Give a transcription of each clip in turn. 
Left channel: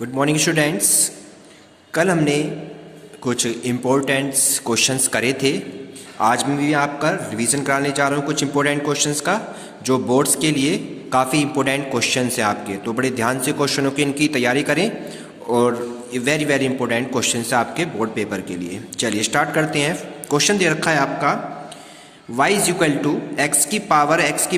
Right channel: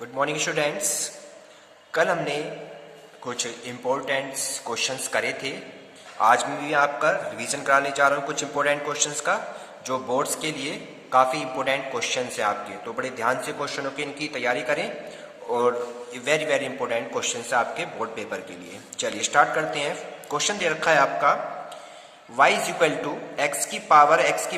Good morning students. कल हमने कुछ इम्पोर्टेंट क्वेश्चंस करे थे। आज मैं भी आपका रिवीजन कराने जा रहा हूँ कुछ इम्पोर्टेंट क्वेश्चंस का, जो बोर्ड्स के लिए काफ़ी इम्पोर्टेंट क्वेश्चंस हैं आपके। तो बड़े ध्यान से क्वेश्चनों की इनकी तैयारी करें और वेरी वेरी इंपॉर्टेंट क्वेश्चंस है आपके बोर्ड पेपर के लिए। चलिए स्टार्ट करते हैं। क्वेश्चन दे रखा है आपका y is equal to x की पावर x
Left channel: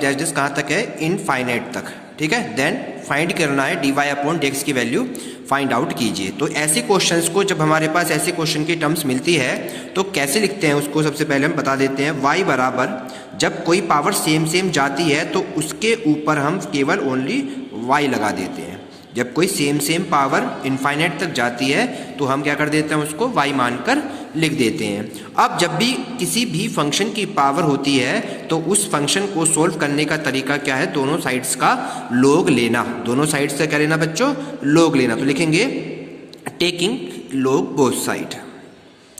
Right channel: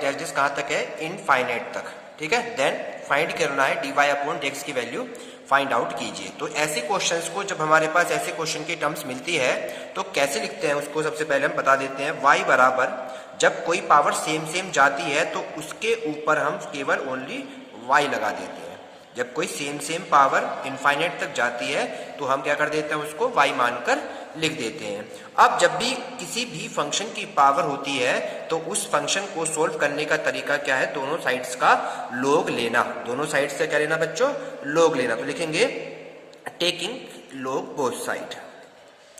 डैश डैश कहाँ तक है, इनफाइनाइट तक। ठीक है, देन फाइंड करना है dy अपॉन dx की वैल्यू फाइंड आउट कीजिए। तो ऐसे क्वेश्चंस को जब हमारे पास ऐसे क्वेश्चन की टर्म्स मिलती है तो कैसे लिखते हैं उसको सबसे पहले हम बता देते हैं। y बराबर जब कोई पावर सेम जाती है तो उसके ऊपर हम केवल ओनली y लगा देते हैं। जब कोई सेम पावर इनफाइनाइट तक जाती है तो हम क्या कर देते हैं, उसको y मानकर लिख देते हैं। अब जब भी किसी भी फंक्शन की पावर होती है तो उस फंक्शन को सोल्व करने का तरीका क्या है, दोनों साइड्स का लोग लेना। दोनों साइड्स से क्या लेना बच्चों, लोग लेना। तो लिखेंगे टेकिंग लोग बोथ साइड,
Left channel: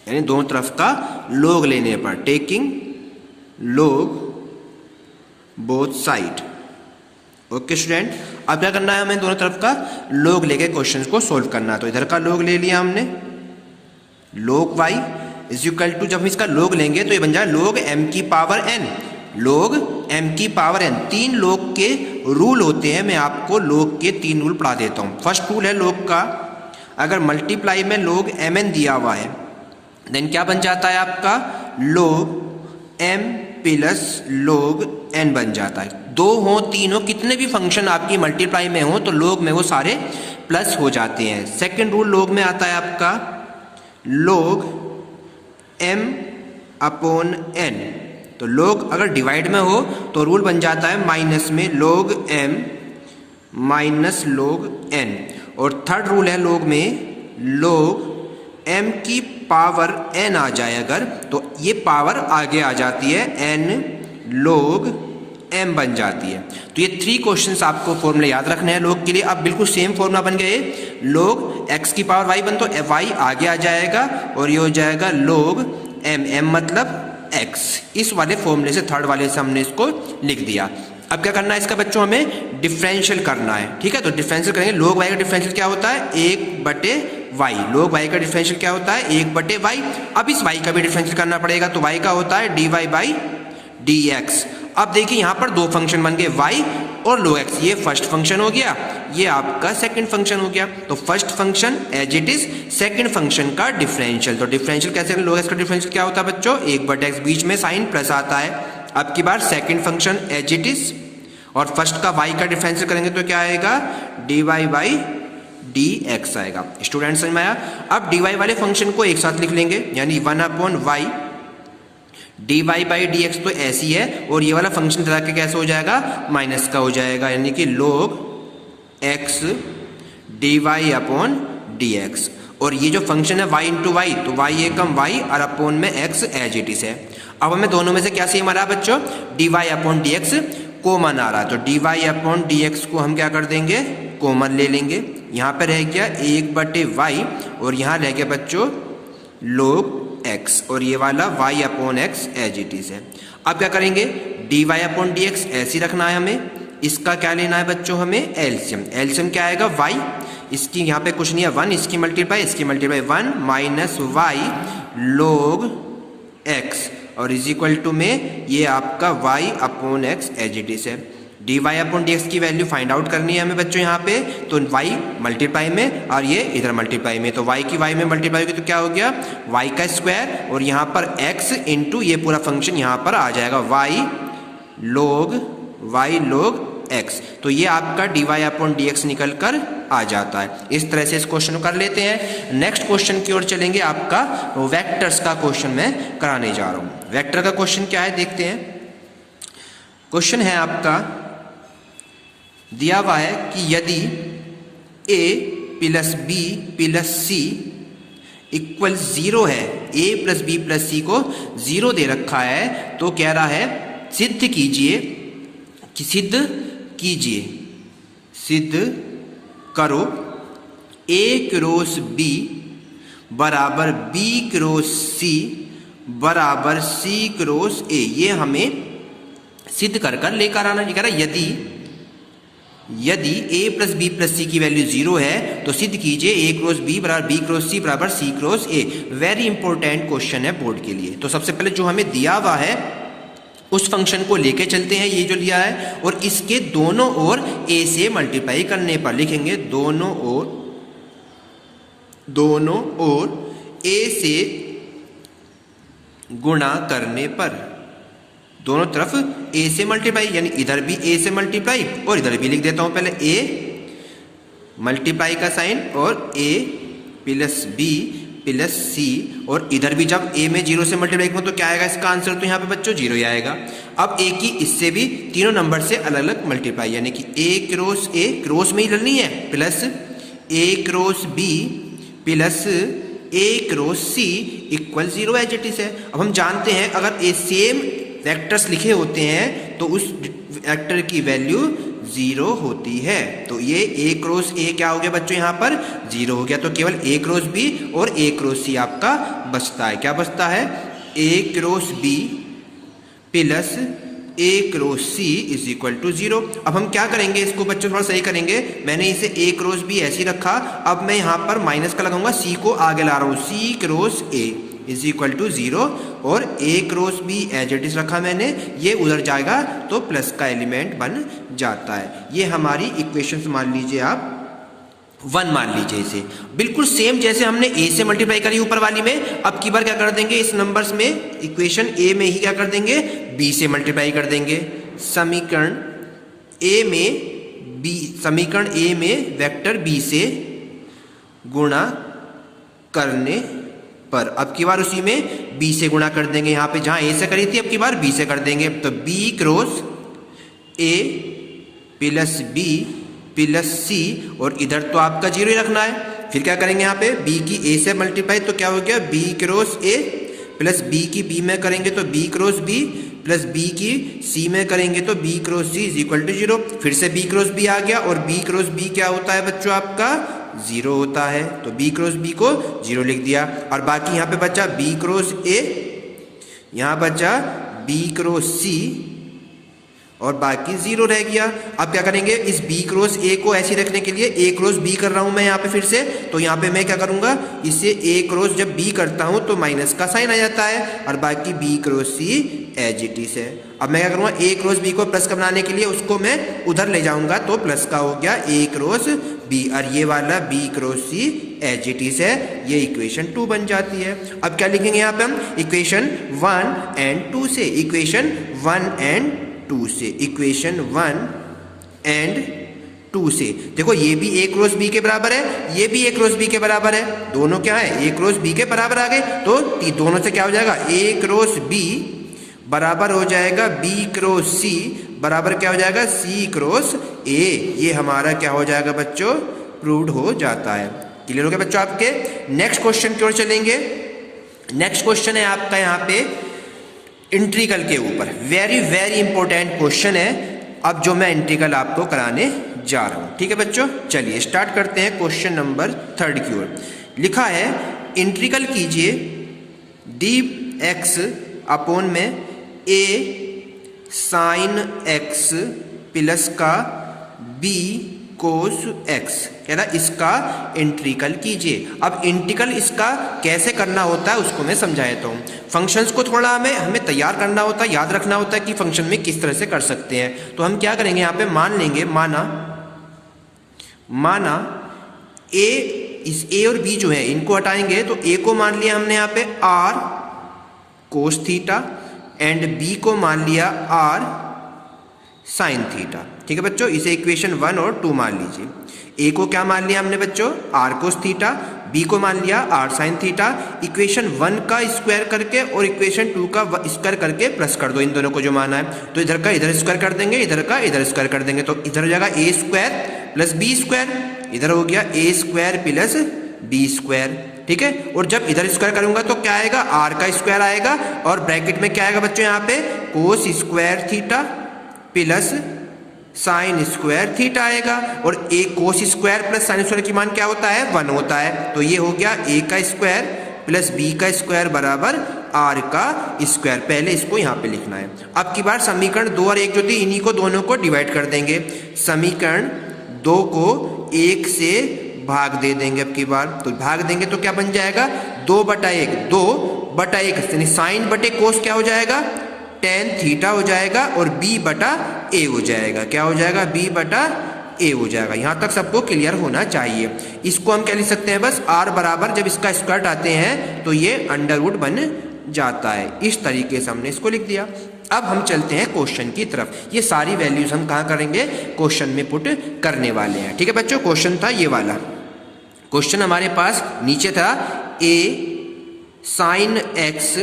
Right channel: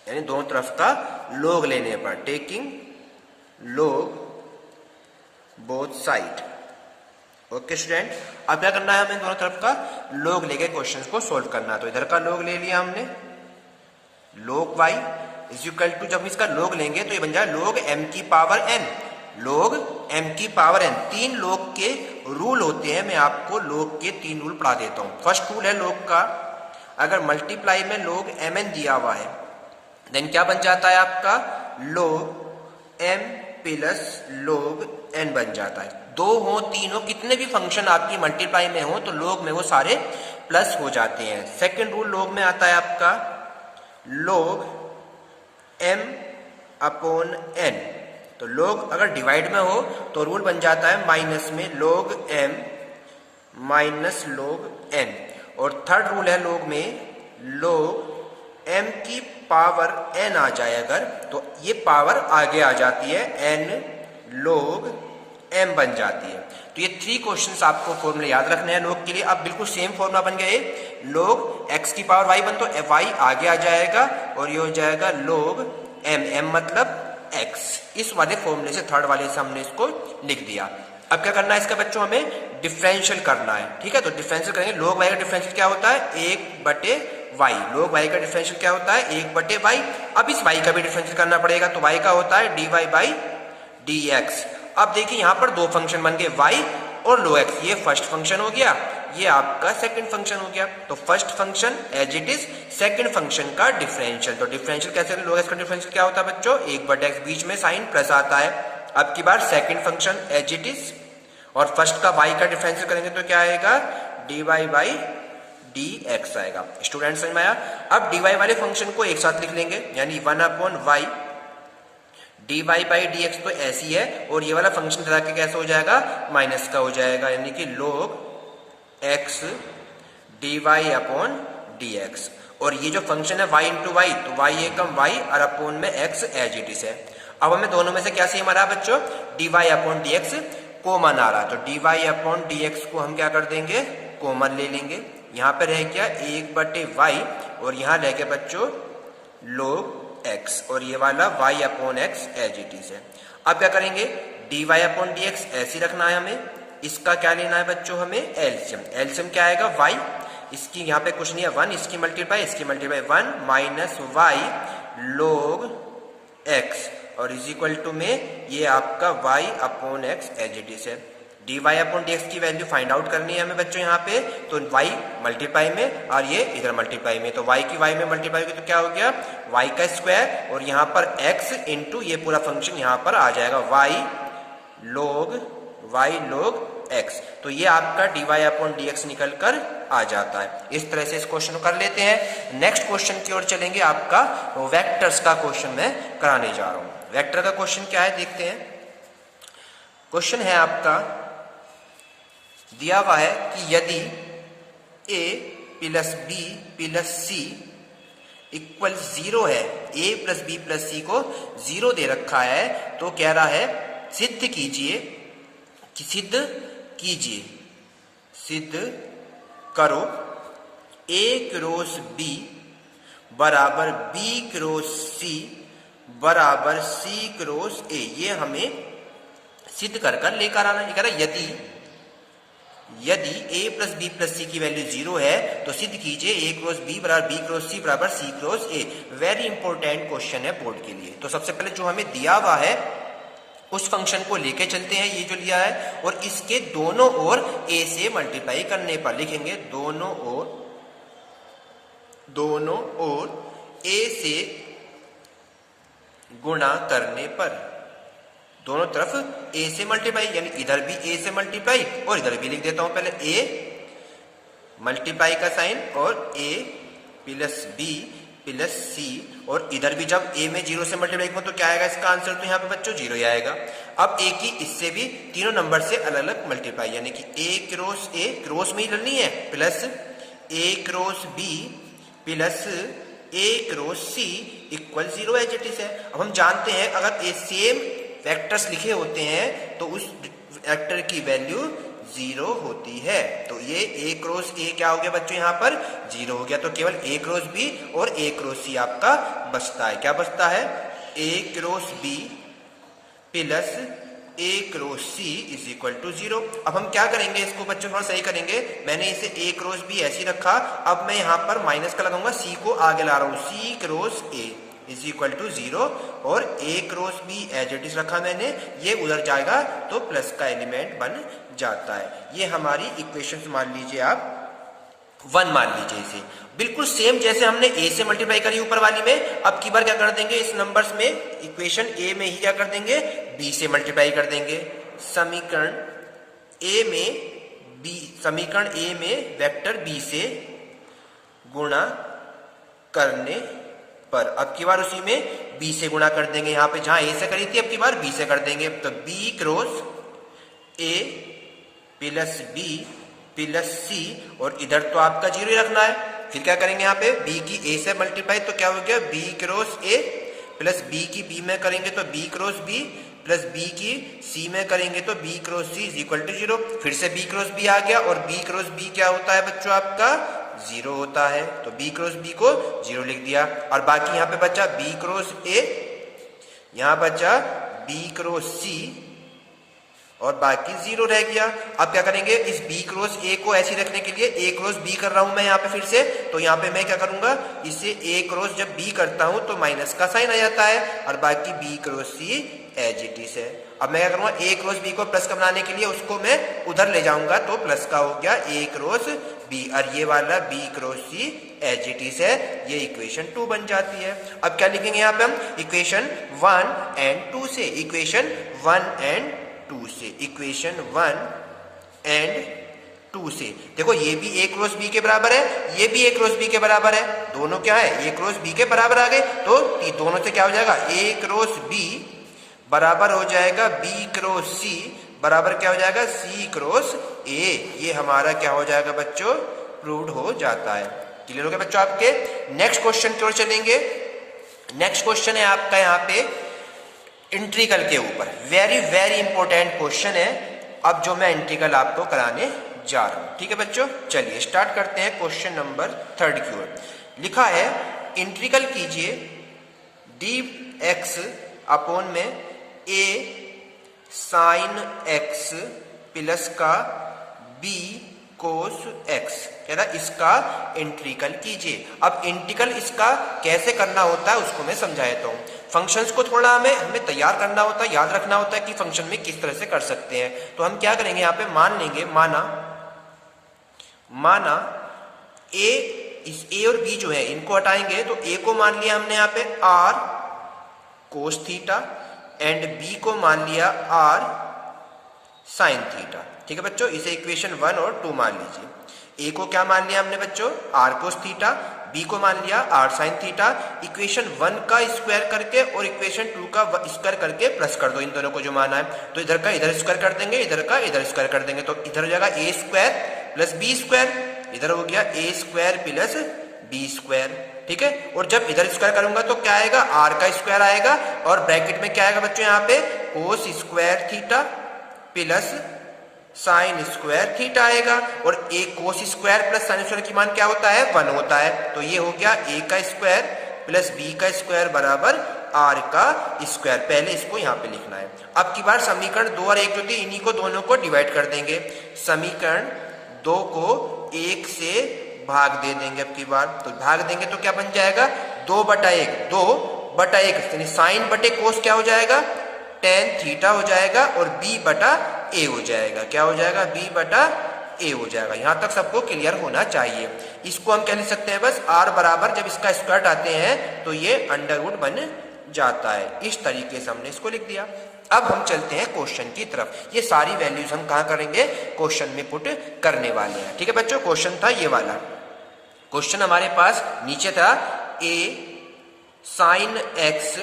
यानी दोनों तरफ का लोग लेने पर टेकिंग लोग बोथ साइड। ओके स्टूडेंट, अब क्या करना है, हमें दोनों तरफ का लोग लेके क्वेश्चन को सोल्व करना है। तो इधर का लोग ले लिया हमने, लोग y इज इक्वल टू, जब हम इसका लोग लेंगे तो ये बन जाए लोग m की पावर n। लोग m की पावर n, तीन लोग के रूल होते हैं। मैं आपको लोग के तीन रूल पढ़ा देता हूं। फर्स्ट रूल है लोग का, अगर मल्टीप्लाई में लोग mn दिया हुआ है देन क्या बन जाता है आपका, लोग m प्लस लोग n बन जाता है। दो हो तीन हो, कितने भी फंक्शन आपकी मल्टीप्लाई में हो तो लोग में वो सारे प्लस हो जाते हैं। सेकेंड रूल लोग में आता है आपका लोग m अपॉन n। तो लोग अगर डिवाइड में हो तो रूल बन जाता है माइनस में लोग m माइनस लोग n। और थर्ड रूल है लोग में, लोग m की पावर n आ जाए अगर तो ये पावर आगे आ जाती है, n लोग m बन जाती है। तो ये थ्री क्वेश्चंस आपको फॉर्मूला याद रखने हैं लोग के लिए। अब बिल्कुल सेम फॉर्मूला बन गए, लोग x की पावर y बन तो y आगे आ जाएगा और ये हो जाएगा लोग m मतलब x। इस वाले फॉर्मूले से, थर्ड वाले से हमने इसको लिख दिया। अब क्या करना है इसका बच्चों, हमें डिफरेंशियल करना है। ठीक है, तो डिफरेंशियल करेंगे। लोग y का डिफरेंशियल क्या होता है, 1/y। लोग y का डिफरेंशियल क्या होता है, 1/y। अब इस y का भी डिफरेंशियल करना पड़ेगा, तो y का होता है dy/dx। अब देखिए यहां पर दो फंक्शन बन गए, y और log x। ये फर्स्ट फंक्शन हो गया, ये आपका सेकंड फंक्शन हो गया। तो first function as it is, second function का डिफरेंशियल। तो डिफरेंशियल कैसे, log x का डिफरेंशियल क्या होता है बच्चों, 1/x, बीच में साइन प्लस आता है। अब की बार second function as it is, और फर्स्ट का y का डिफरेंशियल करेंगे तो क्या आएगा, dy/dx आएगा। स्टूडेंट समझ में आया। अब dy वाले फंक्शन को एक साथ लिख लेंगे, यानी 1/y dy/dx तो ऐसी है, और ये वाला फंक्शन चला के कैसे हो जाएगा, माइनस का हो जाएगा, यानी कि log x dy/dx। और ये जो फंक्शन है y इंटू वाई, तो y एकम y और अपॉन में x एज इट इज है। अब हमें दोनों में से क्या सेम आ रहा है बच्चों, dy/dx कॉमन आ रहा है। तो dy/dx को हम क्या कर देंगे, कॉमन ले लेंगे। यहाँ पे रह गया 1/y और यहाँ रह गया बच्चों log x, और ये वाला y/x एज इट इज है। अब क्या करेंगे, dy/dx ऐसे रखना है हमें। इसका क्या लेना है बच्चों, हमें एलसीएम। एलसीएम क्या आएगा, y, इसकी यहाँ पे कुछ नहीं है 1, इसकी multiply 1 minus y log x, और इज इक्वल टू में ये आपका y/x एज इट इज है। dy/dx की वैल्यू फाइंड आउट करनी है हमें बच्चों यहाँ पे, तो y मल्टीप्लाई में और ये इधर मल्टीप्लाई में, तो y की y में मल्टीप्लाई होगी तो क्या हो गया, y का स्क्वायर, और यहाँ पर x इंटू ये पूरा फंक्शन यहाँ पर आ जाएगा y log x। तो ये आपका dy/dx निकल कर आ जाता है। इस तरह से इस क्वेश्चन को कर लेते हैं। नेक्स्ट क्वेश्चन की ओर चलेंगे। आपका वेक्टर्स का क्वेश्चन मैं कराने जा रहा हूं। वेक्टर का क्वेश्चन क्या है देखते हैं। क्वेश्चन है आपका, दिया हुआ है कि यदि a plus b plus c equal 0 है, a plus b plus c को 0 दे रखा है, तो कह रहा है सिद्ध कीजिए कि सिद्ध करो a क्रॉस b बराबर b क्रॉस c बराबर c क्रॉस a। ये हमें सिद्ध कर लेकर आना। ये कह रहा है यदि a plus B plus C की वैल्यू 0 है तो सिद्ध कीजिए a क्रॉस बी बराबर बी क्रॉस सी बराबर C cross A. Very important question है बोर्ड के लिए। तो सबसे पहले जो हमें दिया हुआ है उस फंक्शन को लेके चलते हैं, ये जो लिया है, और इसके दोनों ओर a से मल्टीप्लाई करने पर लिखेंगे दोनों ओर a से गुणा करने पर, दोनों तरफ a से मल्टीप्लाई, यानी इधर भी a से मल्टीप्लाई और इधर भी लिख देता हूं पहले a मल्टीप्लाई का साइन और a plus b plus C, और इधर भी जब a में 0 से मल्टीप्लाई करूं तो क्या आएगा इसका आंसर, तो यहाँ पे बच्चों 0 ही आएगा। अब a की इससे भी तीनों नंबर से अलग अलग मल्टीप्लाई, यानी कि a क्रॉस a क्रॉस में ही करनी है, plus a cross b plus a cross c equal 0 as it is है। अब हम जानते हैं अगर ए सेम वेक्टर्स लिखे होते हैं तो उस वेक्टर की वैल्यू 0 होती है। तो ये a क्रॉस a क्या हो गया बच्चों, यहाँ पर 0 हो गया। तो केवल a क्रॉस b और a क्रॉस c आपका बचता है। क्या बचता है, a cross b plus a cross c is equal to 0। अब हम क्या करेंगे, इसको बच्चों थोड़ा सही करेंगे। मैंने इसे a क्रॉस b ऐसे रखा, अब मैं यहाँ पर माइनस का लगाऊंगा, c को आगे ला रहा हूँ, c cross a is equal to 0, और a cross b as it is रखा मैंने, ये उधर जाएगा तो प्लस का एलिमेंट बन जाता है। ये हमारी इक्वेशन मान लीजिए आप 1 मान लीजिए इसे, बिल्कुल सेम जैसे हमने a से मल्टीप्लाई करी ऊपर वाली में। अब की बार क्या कर देंगे, इस नंबर्स में इक्वेशन a में ही क्या कर देंगे, b से मल्टीप्लाई कर देंगे। समीकरण a में वेक्टर b से गुणा करने पर, अब की बार उसी में b से गुणा कर देंगे। यहाँ पे जहां a से करी थी अब की बार b से कर देंगे, तो b cross a plus b plus C, और इधर तो आपका 0 ही रखना है। फिर क्या करेंगे, यहाँ पे b की a से मल्टीप्लाई तो क्या हो गया, b cross a plus b की b में करेंगे तो b cross b plus b की c में करेंगे तो b cross c is equal to 0। फिर से b क्रॉस b आ गया, और b क्रॉस b क्या होता है बच्चों आपका 0 होता है, तो b क्रॉस b को 0 लिख दिया। और बाकी यहाँ पे बचा b क्रॉस a, यहाँ बचा b क्रॉस c, और बाकी 0 रह गया। अब क्या करेंगे, इस b क्रॉस a को ऐसे रखने के लिए a क्रॉस b कर रहा हूं मैं यहाँ पे फिर से, तो यहाँ पे मैं क्या करूंगा, इसे a क्रॉस जब b करता हूं तो माइनस का साइन आ जाता है, और बाकी b cross c as it is है। अब मैं क्या करूंगा, a क्रॉस b को प्लस का बनाने के लिए उसको मैं उधर ले जाऊंगा, तो प्लस का हो गया a क्रॉस b, और ये वाला b cross c as it is है। ये इक्वेशन 2 बन जाती है। अब क्या लिखेंगे यहाँ पे हम, इक्वेशन 1 एंड 2 से, इक्वेशन 1 एंड 2 से, इक्वेशन 1 एंड 2 से। देखो ये भी a क्रॉस b के बराबर है, ये भी a क्रॉस b के बराबर है, दोनों क्या है a क्रॉस b के बराबर आ गए, तो दोनों से क्या हो जाएगा, a क्रॉस b बराबर हो जाएगा b क्रॉस c बराबर क्या हो जाएगा, c क्रॉस a। ये हमारा क्या हो जाएगा बच्चों, प्रूव्ड हो जाता है। क्लियर हो गया बच्चों आपके। नेक्स्ट क्वेश्चन की ओर चलेंगे। नेक्स्ट क्वेश्चन है आपका यहाँ पे इंटीग्रल के ऊपर, वेरी वेरी इंपॉर्टेंट क्वेश्चन है। अब जो मैं इंटीग्रल आपको कराने जा रहा हूं, ठीक है बच्चों। चलिए स्टार्ट करते हैं क्वेश्चन नंबर 3 की ओर। लिखा है इंटीग्रल कीजिए dx अपॉन में a साइन x प्लस का b कोस x, कह रहा इसका इंटीग्रल कीजिए। अब इंटीग्रल इसका कैसे करना होता है उसको मैं समझा देता हूँ। फंक्शंस को थोड़ा हमें तैयार करना होता है, याद रखना होता है कि फंक्शन में किस तरह से कर सकते हैं। तो हम क्या करेंगे, यहाँ पे मान लेंगे, माना a, इस a और b जो है इनको हटाएंगे, तो a को मान लिया हमने यहाँ पे r cos theta and b को मान लिया r साइन थीटा। ठीक है बच्चों, इसे इक्वेशन 1 और 2 मान लीजिए। a को क्या मान लिया हमने बच्चों, r कोस थीटा, b को मान लिया r साइन थीटा। इक्वेशन 1 का स्क्वायर करके और इक्वेशन 2 का स्क्वायर करके प्लस कर दो इन दोनों को जो माना है। तो इधर का इधर स्क्वायर कर देंगे, इधर का इधर स्क्वायर कर देंगे, तो इधर हो जाएगा a square plus b square, इधर हो गया a square plus b square. ठीक है, और जब इधर स्क्वायर करूंगा तो क्या आएगा, r का स्क्वायर आएगा, और ब्रैकेट में क्या आएगा बच्चों यहाँ पे, cos square theta plus sine square theta आएगा। और a cos square plus sine square की मान क्या होता है, 1 होता है। तो ये हो गया a का स्क्वायर प्लस b का स्क्वायर बराबर r का स्क्वायर। पहले इसको यहाँ पे लिखना है। अब की बार समीकरण 2 और 1 जो थी इन्हीं को दोनों को डिवाइड कर देंगे। समीकरण 2 को 1 से भाग दे देंगे अब की बार, तो भाग देंगे तो क्या बन जाएगा 2/1, 2/1 यानी साइन बटे कोस क्या हो जाएगा tan थीटा हो जाएगा और b/a हो जाएगा। क्या हो जाएगा b/a हो जाएगा। यहां तक सबको क्लियर होना चाहिए। इसको हम क्या लिख सकते हैं बस r बराबर जब इसका स्क्वायर आते हैं तो ये अंडरवुड बन जाता है। इस तरीके से हमने इसको लिख दिया। अब हम चलते हैं क्वेश्चन की तरफ। ये सारी वैल्यूज हम कहाँ करेंगे क्वेश्चन में पुट करने वाले हैं। ठीक है बच्चों, क्वेश्चन था ये वाला। क्वेश्चन हमारे पास नीचे था a sin x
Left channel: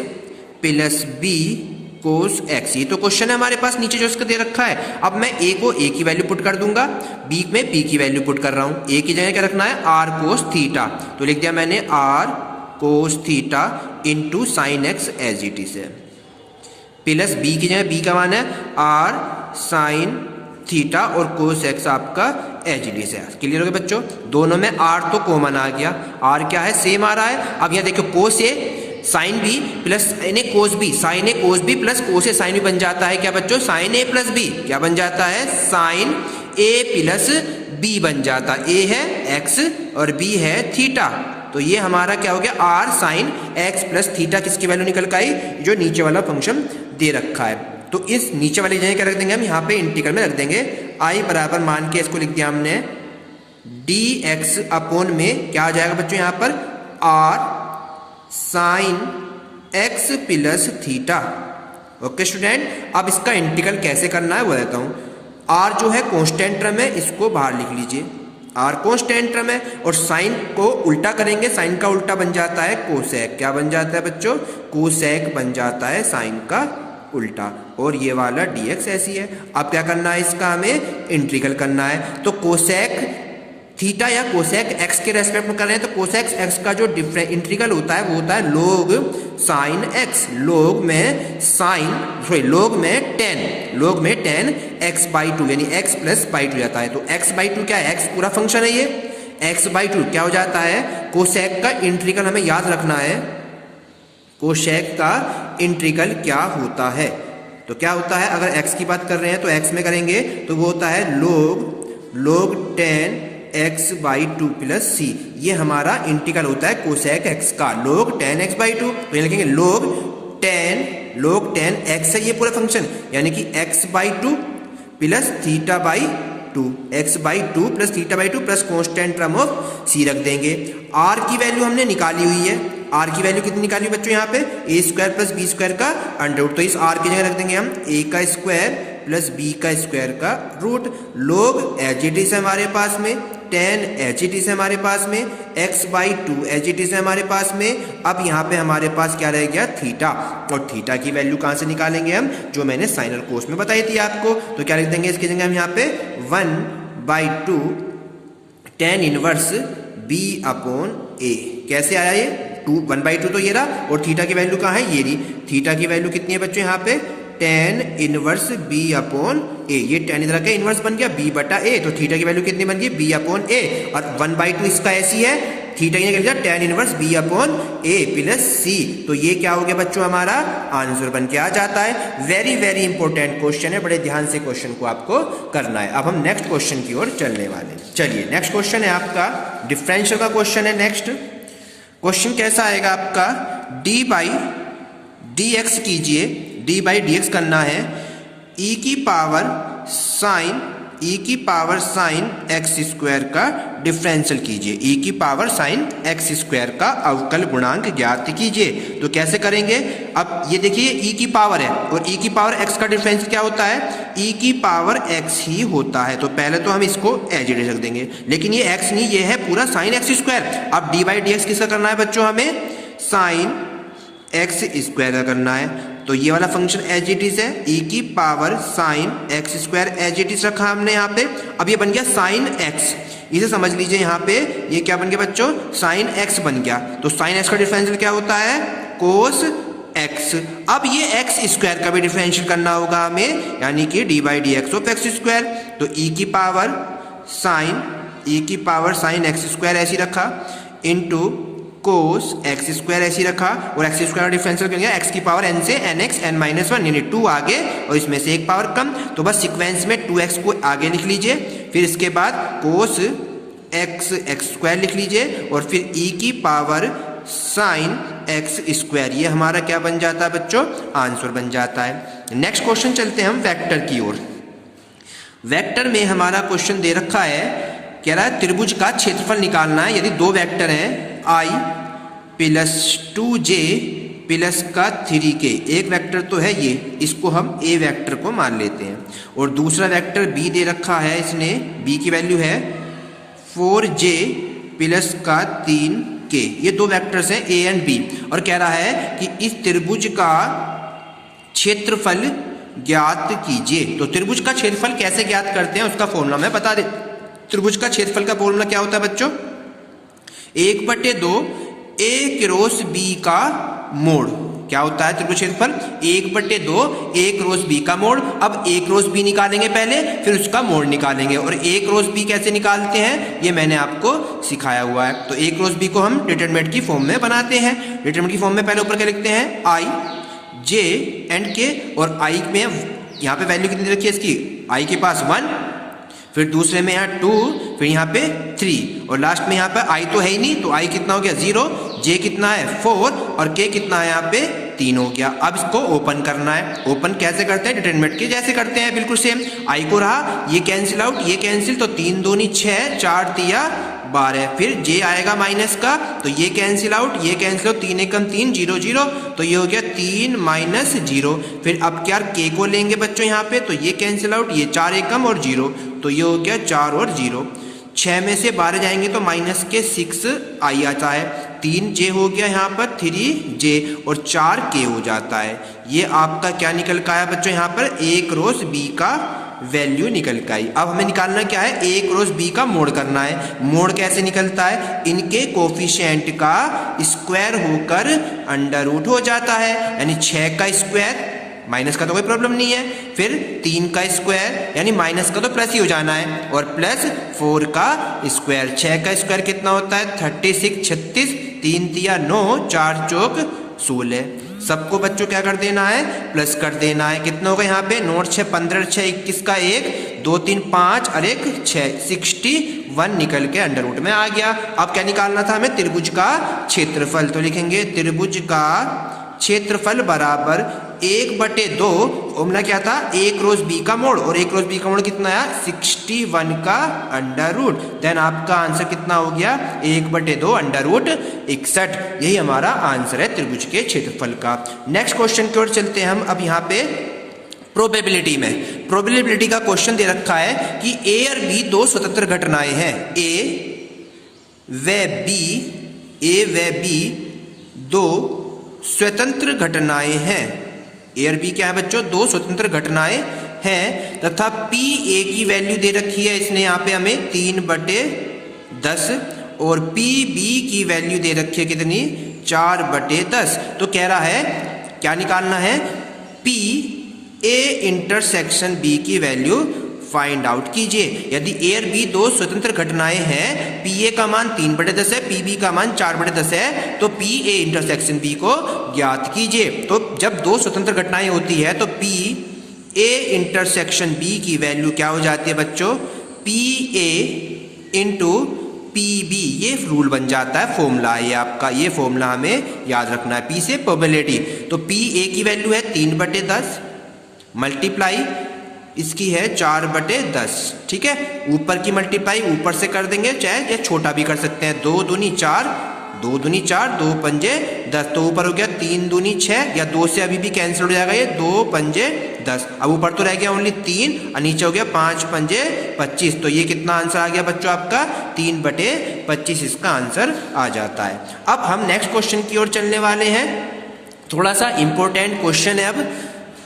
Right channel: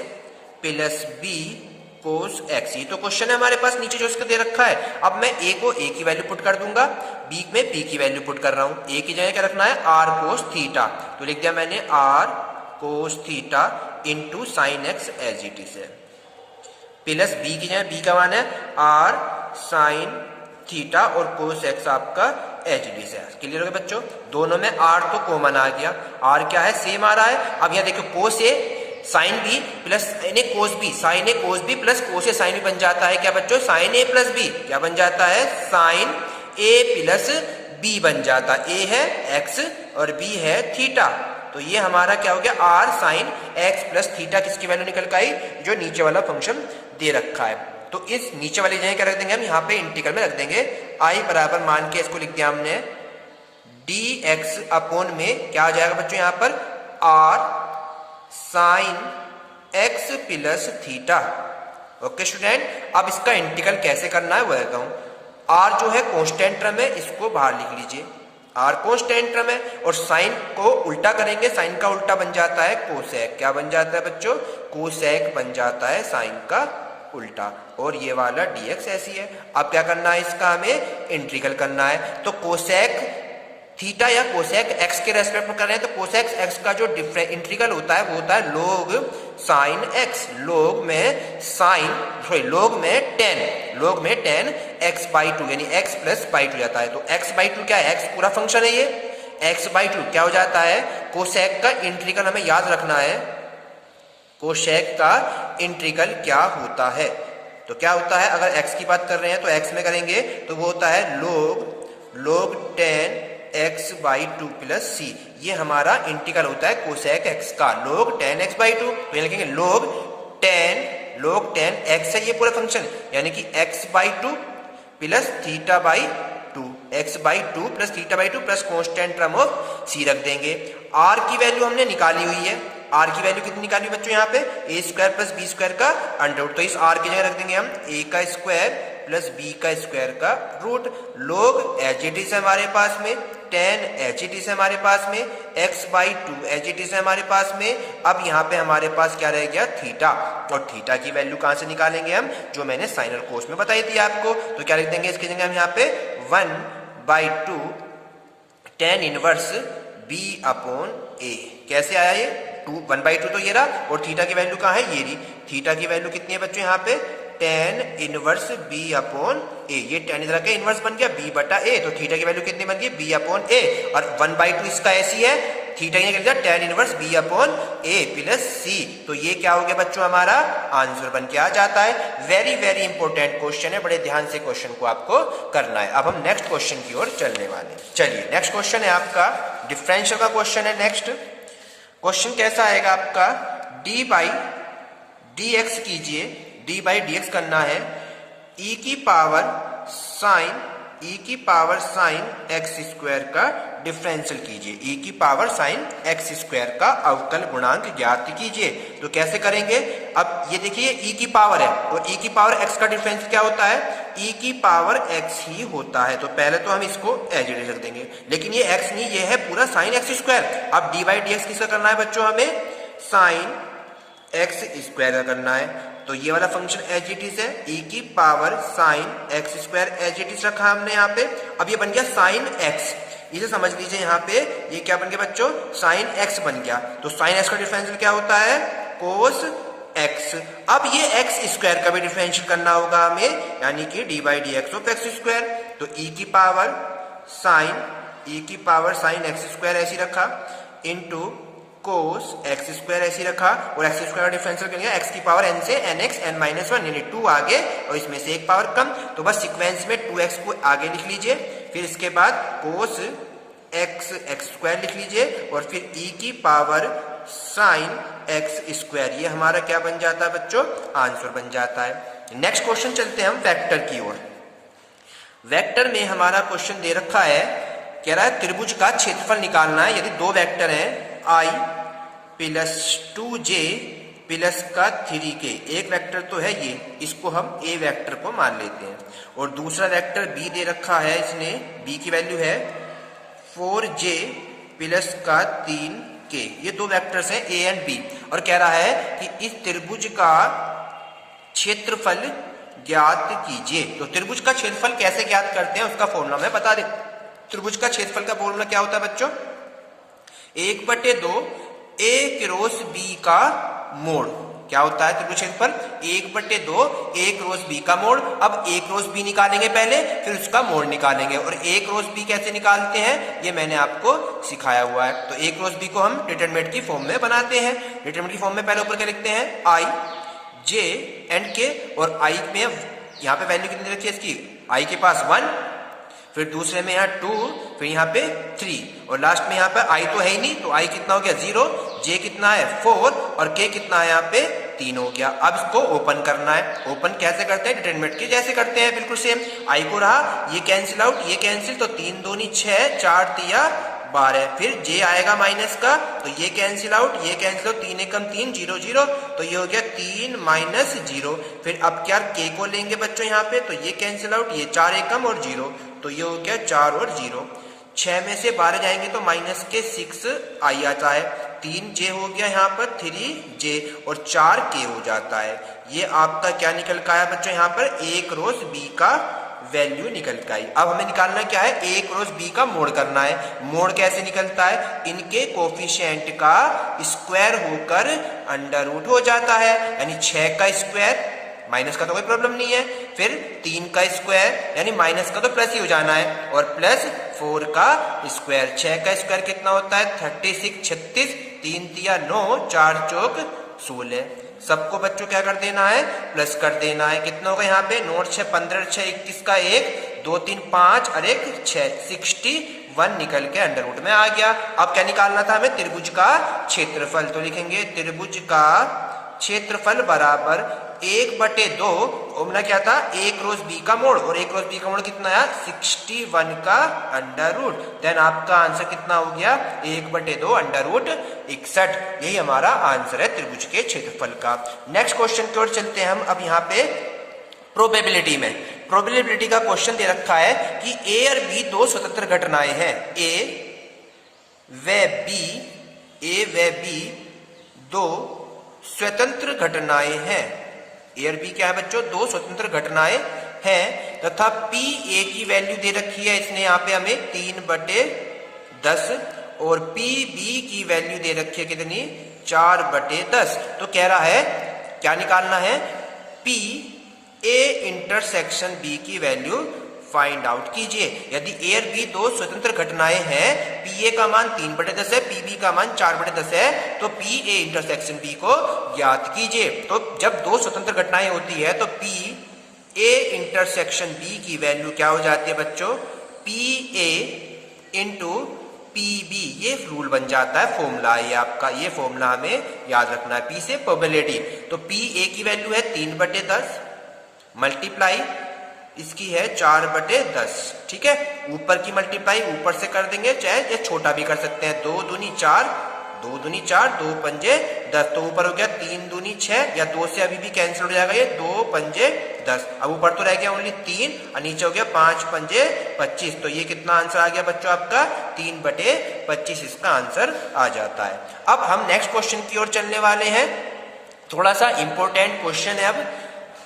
plus b cos x। ये तो क्वेश्चन है हमारे पास नीचे जो इसका दे रखा है। अब मैं a को a की वैल्यू पुट कर दूंगा, b में p की वैल्यू पुट कर रहा हूं। a की जगह क्या रखना है r कोस थीटा, तो लिख दिया मैंने r cos theta into sine x as it is है, प्लस b की जगह b का मान है r साइन थीटा और कोस एक्स आपका एज इट इज है। क्लियर हो गया बच्चों। दोनों में r तो कॉमन आ गया, r क्या है सेम आ रहा है। अब यहाँ देखो cos A sine B plus n cos B, sine A cos B plus cos A sine B बन जाता है क्या बच्चों साइन ए प्लस बी। क्या बन जाता है साइन ए प्लस बी बन जाता है। ए है एक्स और बी है थीटा, तो ये हमारा क्या हो गया r sine x plus theta. किसकी वैल्यू निकल के आई जो नीचे वाला फंक्शन दे रखा है। तो इस नीचे वाली जगह क्या रख देंगे हम यहाँ पे इंटीग्रल में रख देंगे i बराबर मान के इसको लिख दिया हमने dx अपॉन में क्या आ जाएगा बच्चों यहाँ पर r sine x plus theta. Okay student, अब इसका इंटीग्रल कैसे करना है वो कहता हूँ। r जो है कांस्टेंट टर्म है, इसको बाहर लिख लीजिए, r कांस्टेंट टर्म है और साइन को उल्टा करेंगे, साइन का उल्टा बन जाता है कोसेक। क्या बन जाता है बच्चों कोसेक बन जाता है साइन का उल्टा, और ये वाला dx ऐसी है। अब क्या करना है इसका हमें इंटीग्रल करना है। तो कोसेक थीटा या कोसेक एक्स के रेस्पेक्ट में कर रहे हैं, तो कोसेक एक्स का जो इंटीग्रल होता है वो होता है लोग साइन एक्स, लोग में साइन सॉरी लोग में टेन एक्स बाई टू यानी एक्स प्लस बाई टू जाता है। तो एक्स बाई टू क्या है, एक्स पूरा फंक्शन है, ये एक्स बाई टू क्या हो जाता है कोसेक का इंटीग्रल हमें याद रखना है। कोसेक का इंटीग्रल क्या होता है, तो क्या होता है अगर एक्स की बात कर रहे हैं तो एक्स में करेंगे तो वो होता है log tan x by two plus C. ये हमारा इंटीग्रल होता है कोसेक एक्स का लोग टेन एक्स बाई टू। तो ये लिखेंगे लोग टेन एक्स है ये पूरा फंक्शन, यानी कि x by two plus theta by two, x by two plus theta by two plus constant term of C रख देंगे। आर की वैल्यू हमने निकाली हुई है, आर की वैल्यू कितनी निकाली बच्चों यहाँ पे ए स्क्वायर प्लस बी स्क्वायर का अंडरवुड। तो इस आर की जगह रख देंगे हम ए का स्क्वायर प्लस बी का स्क्वायर का रूट। लोग एच इट इज है हमारे पास में, टेन एच इट इज है हमारे पास में, x by to H it is है हमारे पास में। अब यहाँ पे हमारे पास क्या रह गया थीटा, और थीटा की वैल्यू कहाँ से निकालेंगे हम जो मैंने साइन और कोस में बताई थी आपको। तो क्या लिख देंगे इसकी जगह हम यहाँ पे 1/2 टेन इनवर्स बी अपॉन ए। कैसे आया ये 1/2 तो ये रहा, और थीटा की वैल्यू कहाँ है ये रही। थीटा की वैल्यू कितनी है बच्चों यहाँ पे टेन इनवर्स बी अपॉन ए। ये टेन इधर का इनवर्स बन गया बी बटा ए, तो थीटा की वैल्यू कितनी बन गई बी अपॉन ए, और 1/2 इसका ऐसी है थीटा की निकल गया टेन इनवर्स बी अपॉन ए प्लस सी। तो ये क्या हो गया बच्चों हमारा आंसर बन के आ जाता है। वेरी वेरी इंपॉर्टेंट क्वेश्चन है, बड़े ध्यान से क्वेश्चन को आपको करना है। अब हम नेक्स्ट क्वेश्चन की ओर चलने वाले हैं। चलिए नेक्स्ट क्वेश्चन है आपका डिफरेंशियल का क्वेश्चन है। नेक्स्ट क्वेश्चन कैसा आएगा आपका डी बाई डी एक्स कीजिए, डी बाई डी एक्स करना है ई की पावर साइन एक्स स्क्वायर का डिफरेंशियल कीजिए, ई की पावर साइन एक्स स्क्वायर का अवकल गुणांक ज्ञात कीजिए। तो कैसे करेंगे, अब ये देखिए ई की पावर है और ई की पावर एक्स का डिफरेंशियल क्या होता है ई की पावर एक्स ही होता है। तो पहले तो हम इसको एज इट इज रख देंगे, लेकिन ये एक्स नहीं ये है पूरा साइन एक्स स्क्वायर। अब डी बाई डी एक्स किसका करना है बच्चों हमें साइन एक्स स्क्वायर का करना है। तो ये वाला फंक्शन एज इट इज है ई की power sine x square as it is रखा हमने यहाँ पे। अब ये बन गया साइन एक्स, इसे समझ लीजिए यहाँ पे ये क्या बन गया बच्चों साइन एक्स बन गया। तो साइन एक्स का डिफरेंशियल क्या होता है कोस एक्स। अब ये एक्स स्क्वायर का भी डिफरेंशियल करना होगा हमें, यानी कि D by D x of x square. तो ई की पावर साइन एक्स स्क्वायर ऐसी रखा इंटू कोस एक्स स्क्वायर ऐसी रखा, और एक्स स्क्वायर का डिफरेंशियल क्या एक्स की पावर एन से N x N minus one यानी 2 आगे और इसमें से एक पावर कम। तो बस सीक्वेंस में 2x को आगे लिख लीजिए फिर इसके बाद कोस एक्स स्क्वायर लिख लीजिए और फिर ई की पावर साइन एक्स स्क्वायर। ये हमारा क्या बन जाता है बच्चों, आंसर बन जाता है। नेक्स्ट क्वेश्चन चलते हैं हम वेक्टर की ओर। वेक्टर में हमारा क्वेश्चन दे रखा है, कह रहा है त्रिभुज का क्षेत्रफल निकालना है। यदि दो वेक्टर हैं i प्लस 2j प्लस का 3k, एक वेक्टर तो है ये, इसको हम a वेक्टर को मान लेते हैं, और दूसरा वेक्टर b दे रखा है इसने, b की वैल्यू है 4j प्लस का 3k। ये दो वेक्टर्स हैं a एंड b, और कह रहा है कि इस त्रिभुज का क्षेत्रफल ज्ञात कीजिए। तो त्रिभुज का क्षेत्रफल कैसे ज्ञात करते हैं उसका फॉर्मूला मैं बता दे। त्रिभुज का क्षेत्रफल का फॉर्मूला क्या होता है बच्चों, 1/2 a क्रॉस b का मोड़। क्या होता है त्रिभुज क्षेत्रफल, 1/2 a क्रॉस b का मोड़। अब a क्रॉस b निकालेंगे पहले, फिर उसका मोड़ निकालेंगे, और a क्रॉस b कैसे निकालते हैं ये मैंने आपको सिखाया हुआ है। तो a क्रॉस b को हम डिटरमिनेंट की फॉर्म में बनाते हैं। डिटरमिनेंट की फॉर्म में पहले ऊपर क्या लिखते हैं, i j एंड k, और i में यहाँ पे वैल्यू कितनी रखी है इसकी, i के पास 1, फिर दूसरे में यहाँ 2, फिर यहाँ पे 3, और लास्ट में यहाँ पे i तो है ही नहीं, तो i कितना हो गया 0, j कितना है 4, और k कितना है यहाँ पे 3 हो गया। अब इसको ओपन करना है। ओपन कैसे करते हैं, डिटरमिनेंट के जैसे करते हैं, बिल्कुल सेम। i को रहा, ये कैंसिल आउट, ये कैंसिल, तो 3 दूनी 6, 4 तिया 12, फिर j आएगा माइनस का, तो ये कैंसिल आउट, ये कैंसिल आउट, 3 एकम 3, 0 0, तो ये हो गया 3 माइनस 0। फिर अब क्या k को लेंगे बच्चों यहाँ पे, तो ये कैंसिल आउट, ये 4 एकम और 0, तो ये हो गया 4 और 0। 6 में से 12 जाएंगे तो माइनस के 6 आई आता है, 3j हो गया यहाँ पर 3j, और 4k हो जाता है। ये आपका क्या निकल का आया बच्चों, यहाँ पर a क्रॉस b का वैल्यू निकल के आई। अब हमें निकालना क्या है, a क्रॉस b का मोड़ करना है। मोड़ कैसे निकलता है, इनके कोफिशिएंट का स्क्वायर होकर अंडर रूट हो जाता है, यानी 6 का स्क्वायर, माइनस का तो कोई प्रॉब्लम नहीं है, फिर 3 का स्क्वायर, यानी माइनस का तो प्लस ही हो जाना है, और प्लस 4 का स्क्वायर। 6 का स्क्वायर कितना होता है 36, 36, 3 तिया 9, 4 चौक 16। सबको बच्चों क्या कर देना है, प्लस कर देना है। कितना होगा यहाँ पे, 9 6 15, 6 21 का 1, 2 3 5 और 1 6, 61 निकल के अंडर रूट में आ गया। अब क्या निकालना था हमें, त्रिभुज का क्षेत्रफल। तो लिखेंगे त्रिभुज का क्षेत्रफल बराबर 1/2, फॉर्मूला क्या था, a क्रॉस b का मोड़, और a क्रॉस b का मोड़ कितना है 61 का अंडर रूट। देन आपका आंसर कितना हो गया, 1/2 अंडर रूट 61। यही हमारा आंसर है त्रिभुज के क्षेत्रफल का। नेक्स्ट क्वेश्चन की ओर चलते हैं हम। अब यहाँ पे प्रोबेबिलिटी में, प्रोबेबिलिटी का क्वेश्चन दे रखा है कि a और b दो स्वतंत्र घटनाएं हैं, a व b दो स्वतंत्र घटनाएं हैं। ए और बी क्या है बच्चों, दो स्वतंत्र घटनाएं हैं, तथा पी ए की वैल्यू दे रखी है इसने यहाँ पे हमें 3/10, और पी बी की वैल्यू दे रखी है कितनी 4/10। तो कह रहा है क्या निकालना है, पी ए इंटरसेक्शन बी की वैल्यू फाइंड आउट कीजिए। यदि ए और बी दो स्वतंत्र घटनाएं हैं, पी ए का मान 3/10 है, पी बी का मान 4/10 है, तो पी ए इंटरसेक्शन बी को ज्ञात कीजिए। तो जब दो स्वतंत्र घटनाएं होती है तो पी ए इंटरसेक्शन बी की वैल्यू क्या हो जाती है बच्चों, P A into P B. ये रूल बन जाता है, फॉर्मूला है आपका, ये फॉर्मूला हमें याद रखना है। पी से प्रोबेबिलिटी, तो पी ए की वैल्यू है 3/10 मल्टीप्लाई इसकी है 4/10, ठीक है। ऊपर की मल्टीप्लाई ऊपर से कर देंगे, चाहे ये छोटा भी कर सकते हैं। 2 दूनी 4, 2 दूनी 4, 2 पंजे 10, तो ऊपर हो गया 3 दूनी 6, या 2 से अभी भी कैंसिल हो जाएगा, ये 2 पंजे 10। अब ऊपर तो रह गया ओनली 3, और नीचे हो गया 5 पंजे 25। तो ये कितना आंसर आ गया बच्चों आपका 3/25, इसका आंसर आ जाता है। अब हम नेक्स्ट क्वेश्चन की ओर चलने वाले हैं। थोड़ा सा इंपॉर्टेंट क्वेश्चन है अब,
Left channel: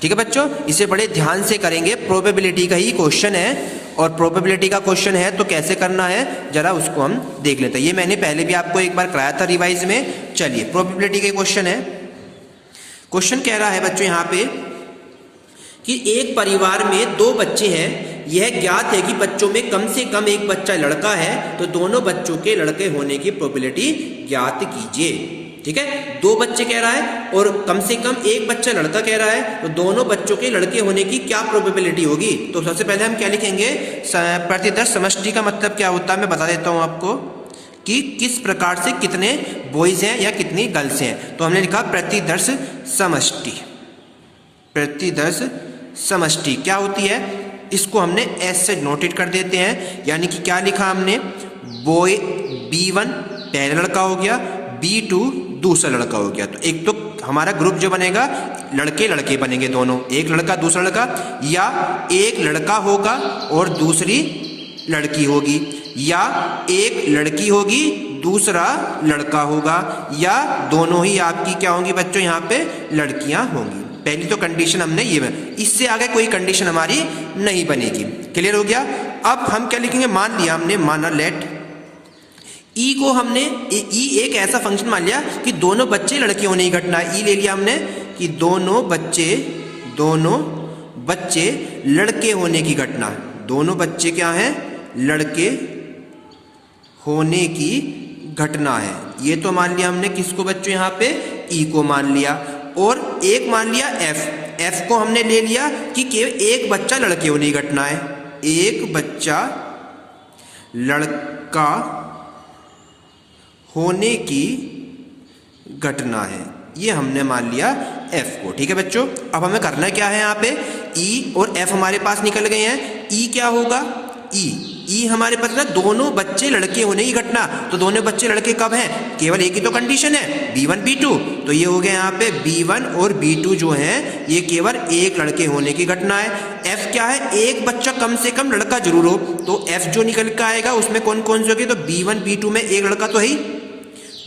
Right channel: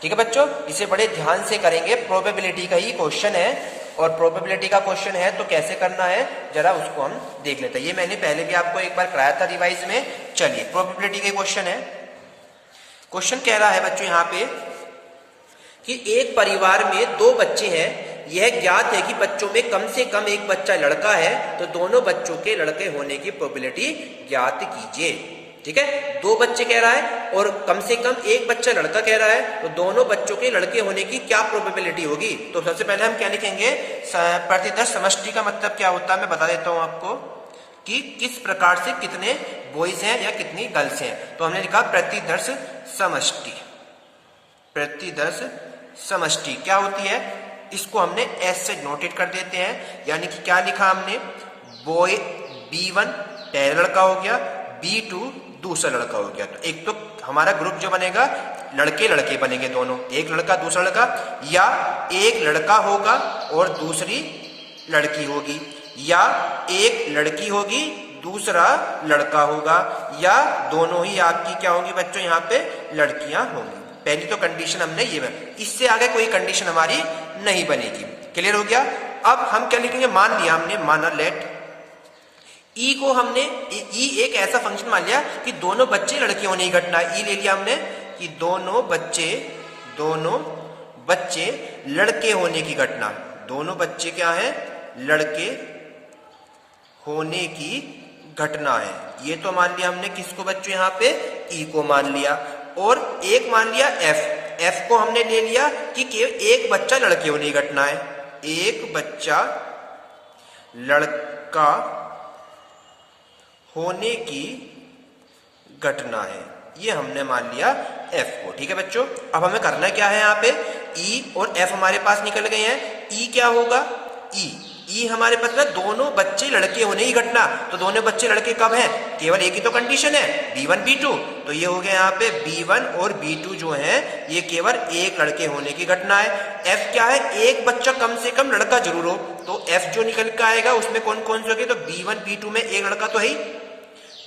ठीक है बच्चों, इसे बड़े ध्यान से करेंगे। प्रोबेबिलिटी का ही क्वेश्चन है, और प्रोबेबिलिटी का क्वेश्चन है तो कैसे करना है जरा उसको हम देख लेते हैं। ये मैंने पहले भी आपको एक बार कराया था रिवाइज में। चलिए प्रोबेबिलिटी का क्वेश्चन है। क्वेश्चन कह रहा है बच्चों यहाँ पे कि एक परिवार में 2 बच्चे हैं, यह ज्ञात है कि बच्चों में कम से कम एक बच्चा लड़का है, तो दोनों बच्चों के लड़के होने की प्रोबेबिलिटी ज्ञात कीजिए। ठीक है, 2 बच्चे कह रहा है और कम से कम एक बच्चा लड़का कह रहा है, तो दोनों बच्चों के लड़के होने की क्या प्रोबेबिलिटी होगी। तो सबसे पहले हम क्या लिखेंगे, प्रतिदर्श समष्टि का मतलब क्या होता है मैं बता देता हूं आपको कि किस प्रकार से कितने बॉयज हैं या कितनी गर्ल्स हैं। तो हमने लिखा प्रतिदर्श समष्टि। प्रतिदर्श समष्टि क्या होती है, इसको हमने एस से नोटेट कर देते हैं। यानी कि क्या लिखा हमने, बॉय B1 पहला लड़का हो गया, B2 दूसरा लड़का हो गया। तो एक तो हमारा ग्रुप जो बनेगा लड़के लड़के बनेंगे दोनों, एक लड़का दूसरा लड़का, या एक लड़का होगा और दूसरी लड़की होगी, या एक लड़की होगी दूसरा लड़का होगा, या दोनों ही आपकी क्या होंगी बच्चों यहाँ पे लड़कियां होंगी। पहली तो कंडीशन हमने ये बनी, इससे आगे कोई कंडीशन हमारी नहीं बनेगी। क्लियर हो गया। अब हम क्या लिखेंगे, मान लिया हमने, माना लेट ई को हमने ई एक ऐसा फंक्शन मान लिया कि दोनों बच्चे लड़के होने की घटना, ई ले लिया हमने कि दोनों बच्चे लड़के होने की घटना, दोनों बच्चे क्या है लड़के होने की घटना है। ये तो मान लिया हमने किसको बच्चों यहाँ पे ई को मान लिया, और एक मान लिया एफ को हमने ले लिया कि केवल एक बच्चा लड़के होने की घटना है, एक बच्चा लड़का होने की घटना है, ये हमने मान लिया एफ को। ठीक है बच्चों, अब हमें करना क्या है, यहाँ पे ई और एफ हमारे पास निकल गए हैं। ई क्या होगा, ई हमारे पास ना दोनों बच्चे लड़के होने की घटना, तो दोनों बच्चे लड़के कब हैं, केवल एक ही तो कंडीशन है B1 B2, तो ये हो गया यहाँ पे B1 और B2 जो है ये केवल एक लड़के होने की घटना है। F क्या है, एक बच्चा कम से कम लड़का जरूर हो, तो F जो निकल के आएगा उसमें कौन कौन से होंगे, तो B1 B2 में एक लड़का तो है ही,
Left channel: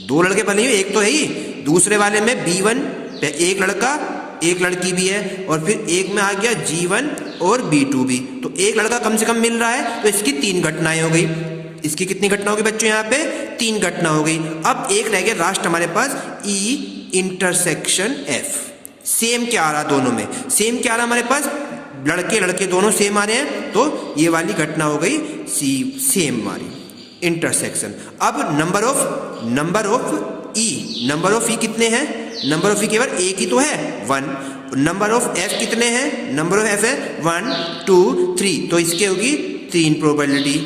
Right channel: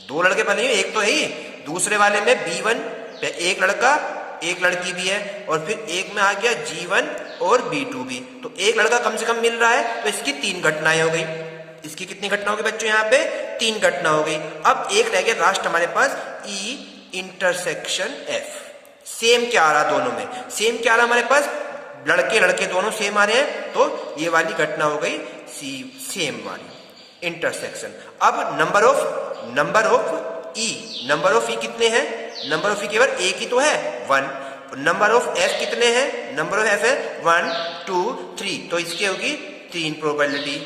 2 लड़के बने, एक तो है ही, दूसरे वाले में B1 पे एक लड़का एक लड़की भी है, और फिर एक में आ गया G1 और B2 भी, तो एक लड़का कम से कम मिल रहा है, तो इसकी 3 घटनाएं हो गई। इसकी कितनी घटना होगी बच्चों, यहाँ पे 3 घटना हो गई। अब एक रह गया लास्ट हमारे पास E इंटरसेक्शन F। सेम क्या आ रहा, दोनों में सेम क्या आ रहा हमारे पास, लड़के लड़के दोनों सेम आ रहे हैं, तो ये वाली घटना हो गई सेम वाली इंटरसेक्शन। अब नंबर ऑफ ई कितने हैं, नंबर ऑफ ई केवल एक ही तो है 1, नंबर ऑफ एफ कितने हैं, नंबर ऑफ एफ है 1 2 3, तो इसके होगी 3 प्रोबेबिलिटी।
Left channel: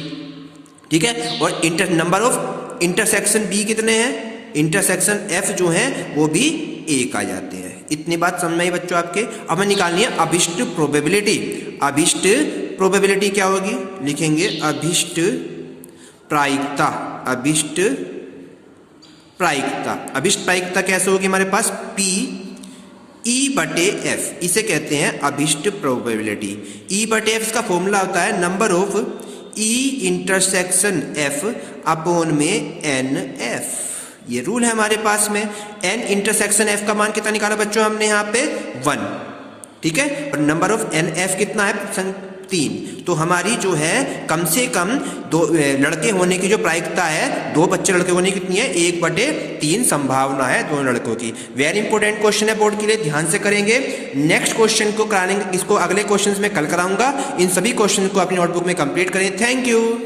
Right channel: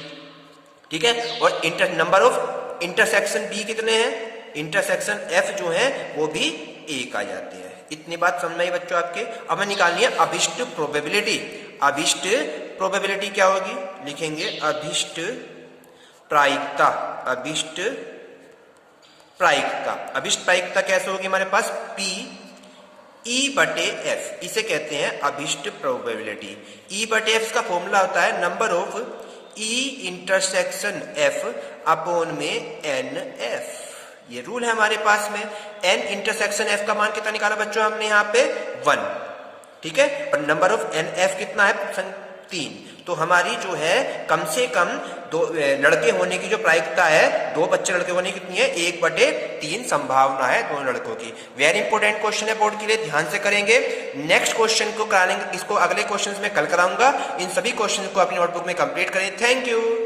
ठीक है, और नंबर ऑफ इंटरसेक्शन बी कितने हैं, इंटरसेक्शन एफ जो है वो भी 1 आ जाते हैं। इतनी बात समझ में आई बच्चों आपके। अब हमें निकालनी है अभिष्ट प्रोबेबिलिटी। अभिष्ट प्रोबेबिलिटी क्या होगी, लिखेंगे अभिष्ट प्रायिकता। अभिष्ट प्रायिकता कैसे होगी हमारे पास, P E/F, इसे कहते हैं अभिष्ट प्रोबेबिलिटी। E/F का फॉर्मूला होता है number of E intersection F upon में NF। ये रूल है हमारे पास में। N इंटरसेक्शन F का मान कितना निकाला बच्चों हमने यहाँ पे 1, ठीक है, और नंबर ऑफ NF कितना है 3। तो हमारी जो है कम से कम 2 लड़के होने की जो प्रायिकता है, 2 बच्चे लड़के होने की कितनी है, 1/3 संभावना है दोनों लड़कों की। वेरी इंपॉर्टेंट क्वेश्चन है बोर्ड के लिए, ध्यान से करेंगे। नेक्स्ट क्वेश्चन को कराएंगे, इसको अगले क्वेश्चन में कल कराऊंगा। इन सभी क्वेश्चन को अपनी नोटबुक में कंप्लीट करें। Thank you.